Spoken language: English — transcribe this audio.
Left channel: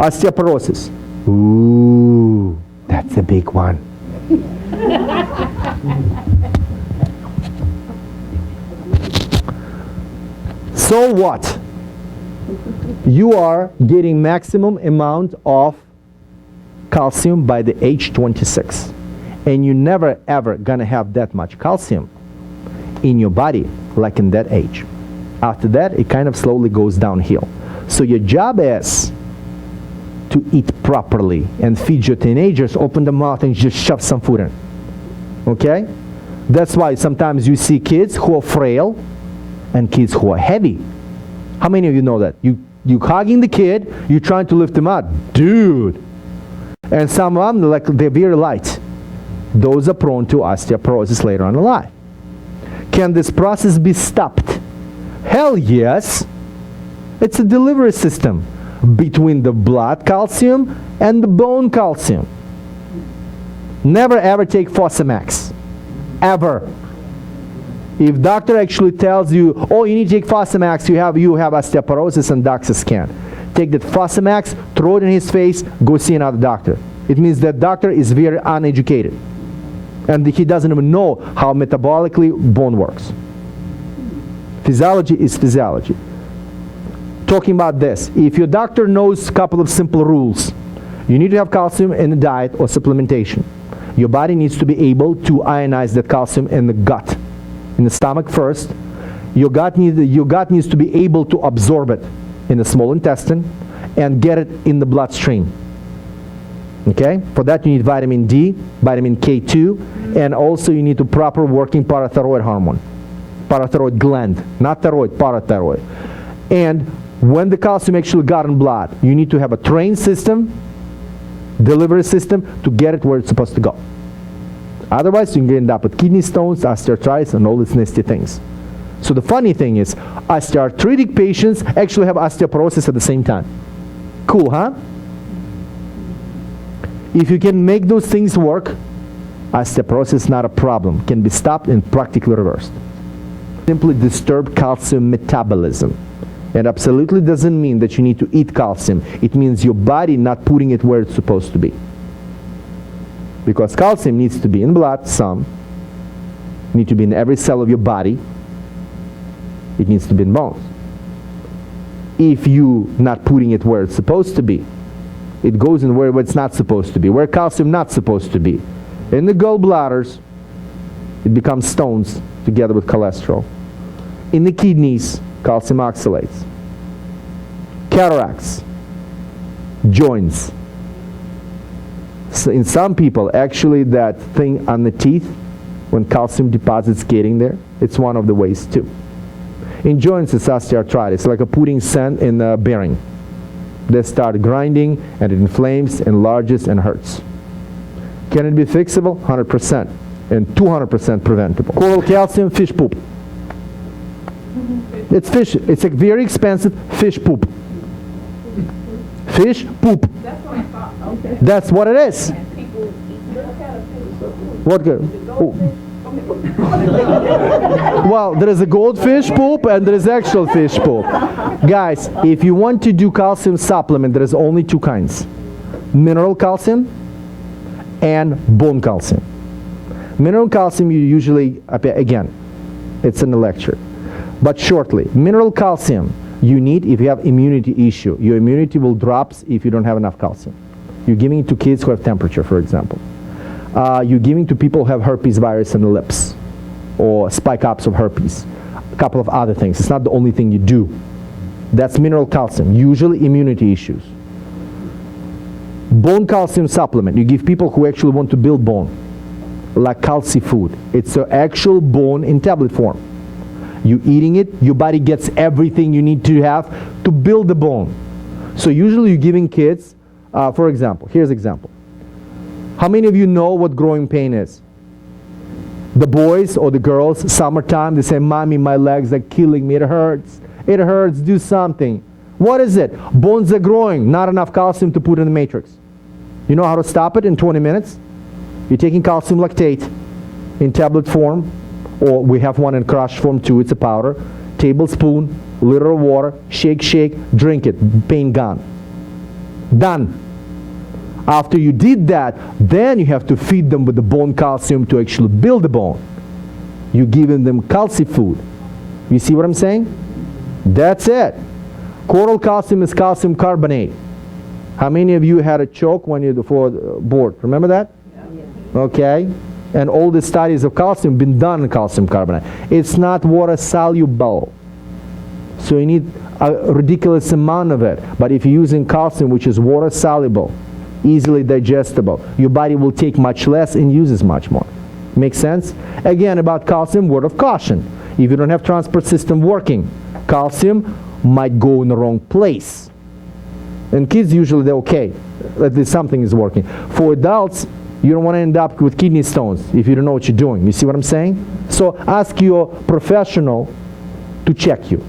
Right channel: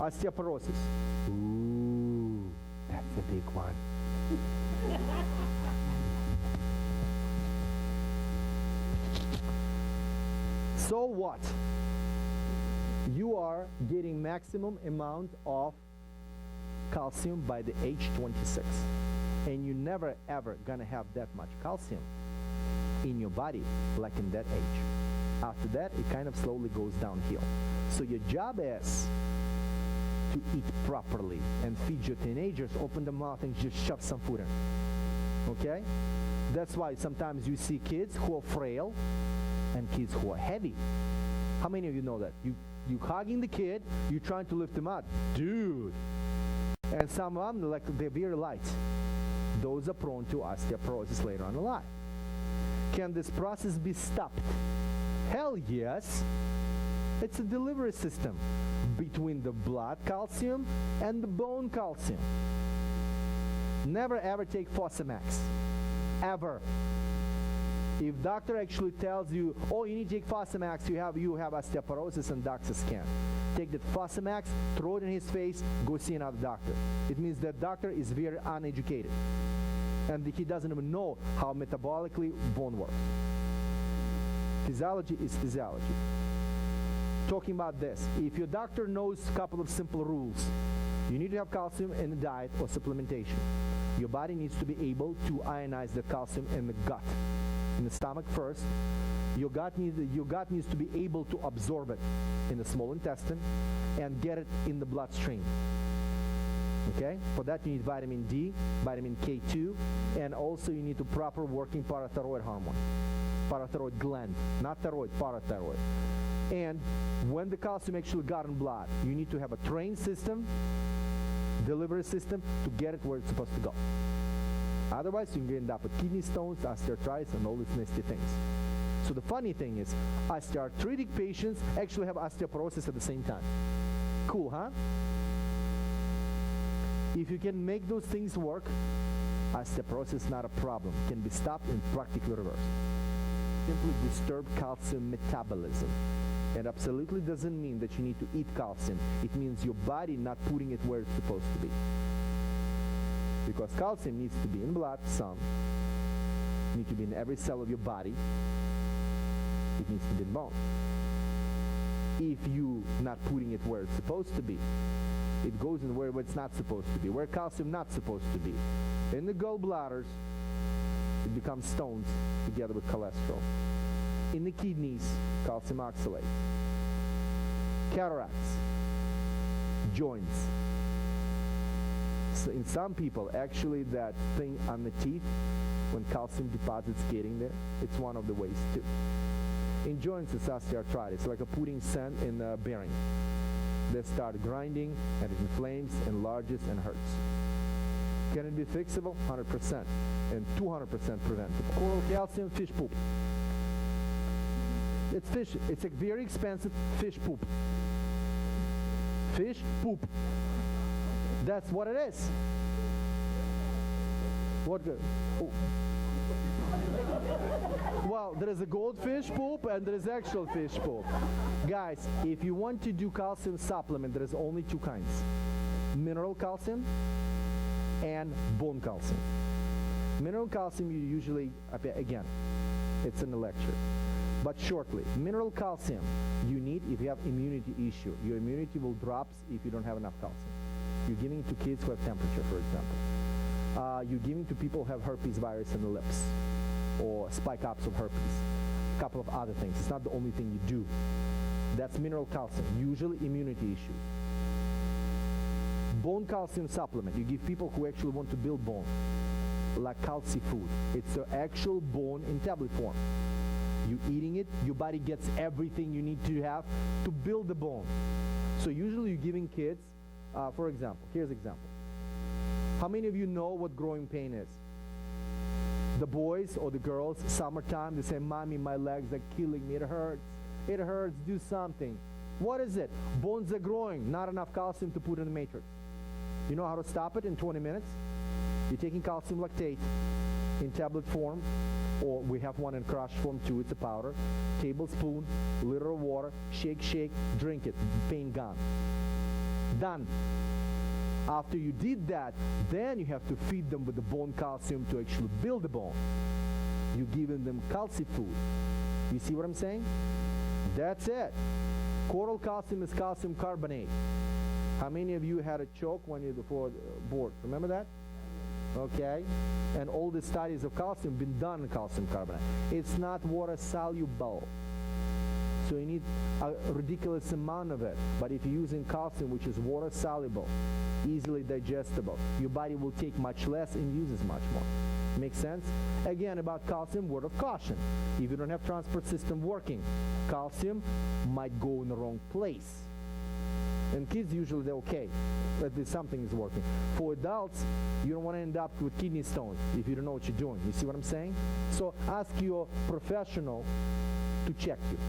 Osteoporosis. Ooh, that's a big one. So what? You are getting maximum amount of calcium by the age 26. And you're never ever gonna have that much calcium in your body like in that age. After that, it kind of slowly goes downhill. So your job is to eat properly and feed your teenagers, open the mouth and just shove some food in. Okay? That's why sometimes you see kids who are frail and kids who are heavy. How many of you know that? You hugging the kid, you're trying to lift him up. Dude! And some of them, they're very light. Those are prone to osteoporosis later on in life. Can this process be stopped? Hell yes! It's a delivery system between the blood calcium and the bone calcium. Never ever take Fosamax. Ever. If doctor actually tells you, oh, you need to take Fosamax, you have osteoporosis and DOXA scan. Take that Fosamax, throw it in his face, go see another doctor. It means that doctor is very uneducated. And he doesn't even know how metabolically bone works. Physiology is physiology. Talking about this, if your doctor knows a couple of simple rules, you need to have calcium in the diet or supplementation. Your body needs to be able to ionize that calcium in the gut. In the stomach first. Your gut needs to be able to absorb it in the small intestine and get it in the bloodstream. Okay? For that you need vitamin D, vitamin K2, and also you need a proper working parathyroid hormone. Parathyroid gland, not thyroid, parathyroid. And when the calcium actually got in blood, you need to have a trained system, delivery system, to get it where it's supposed to go. Otherwise, you can end up with kidney stones, osteoarthritis, and all these nasty things. So the funny thing is, osteoarthritic patients actually have osteoporosis at the same time. Cool, huh? If you can make those things work, osteoporosis is not a problem. Can be stopped and practically reversed. Simply disturb calcium metabolism. It absolutely doesn't mean that you need to eat calcium. It means your body not putting it where it's supposed to be. Because calcium needs to be in blood, some. Need to be in every cell of your body. It needs to be in bones. If you not putting it where it's supposed to be, it goes in where it's not supposed to be, where calcium not supposed to be. In the gallbladders, it becomes stones together with cholesterol. In the kidneys, calcium oxalates. Cataracts, joints. So in some people, actually that thing on the teeth, when calcium deposits getting there, it's one of the ways too. In joints, it's osteoarthritis, like a putting sand in a bearing. They start grinding, and it inflames, enlarges, and hurts. Can it be fixable? 100%, and 200% preventable. Coral calcium, fish poop. It's fish. It's a very expensive fish poop. Fish poop. That's what it is. What good? Oh. Well, there is a goldfish poop and there is actual fish poop. Guys, if you want to do calcium supplement, there is only two kinds. Mineral calcium and bone calcium. Mineral calcium you usually, again, it's in the lecture. But shortly, mineral calcium you need if you have immunity issue. Your immunity will drop if you don't have enough calcium. You're giving it to kids who have temperature, for example. You're giving to people who have herpes virus in the lips or spike ups of herpes. A couple of other things. It's not the only thing you do. That's mineral calcium, usually immunity issues. Bone calcium supplement, you give people who actually want to build bone, like calci food. It's an actual bone in tablet form. You eating it, your body gets everything you need to have to build the bone. So usually you're giving kids, for example, here's an example. How many of you know what growing pain is? The boys or the girls, summertime, they say, Mommy, my legs are killing me, it hurts. It hurts, do something. What is it? Bones are growing, not enough calcium to put in the matrix. You know how to stop it in 20 minutes? You're taking calcium lactate in tablet form, or we have one in crush form too, it's a powder. Tablespoon, liter of water, shake, shake, drink it, pain gone. Done. After you did that, then you have to feed them with the bone calcium to actually build the bone. You're giving them calci food. You see what I'm saying? That's it. Coral calcium is calcium carbonate. How many of you had a choke when you before board? Remember that? Yeah. Okay. And all the studies of calcium been done on calcium carbonate. It's not water soluble, so you need a ridiculous amount of it. But if you're using calcium, which is water soluble, easily digestible, your body will take much less and uses much more. Make sense? Again, about calcium, word of caution. If you don't have transport system working, calcium might go in the wrong place. And kids, usually they're okay. At least something is working. For adults, you don't want to end up with kidney stones if you don't know what you're doing. You see what I'm saying? So ask your professional to check you.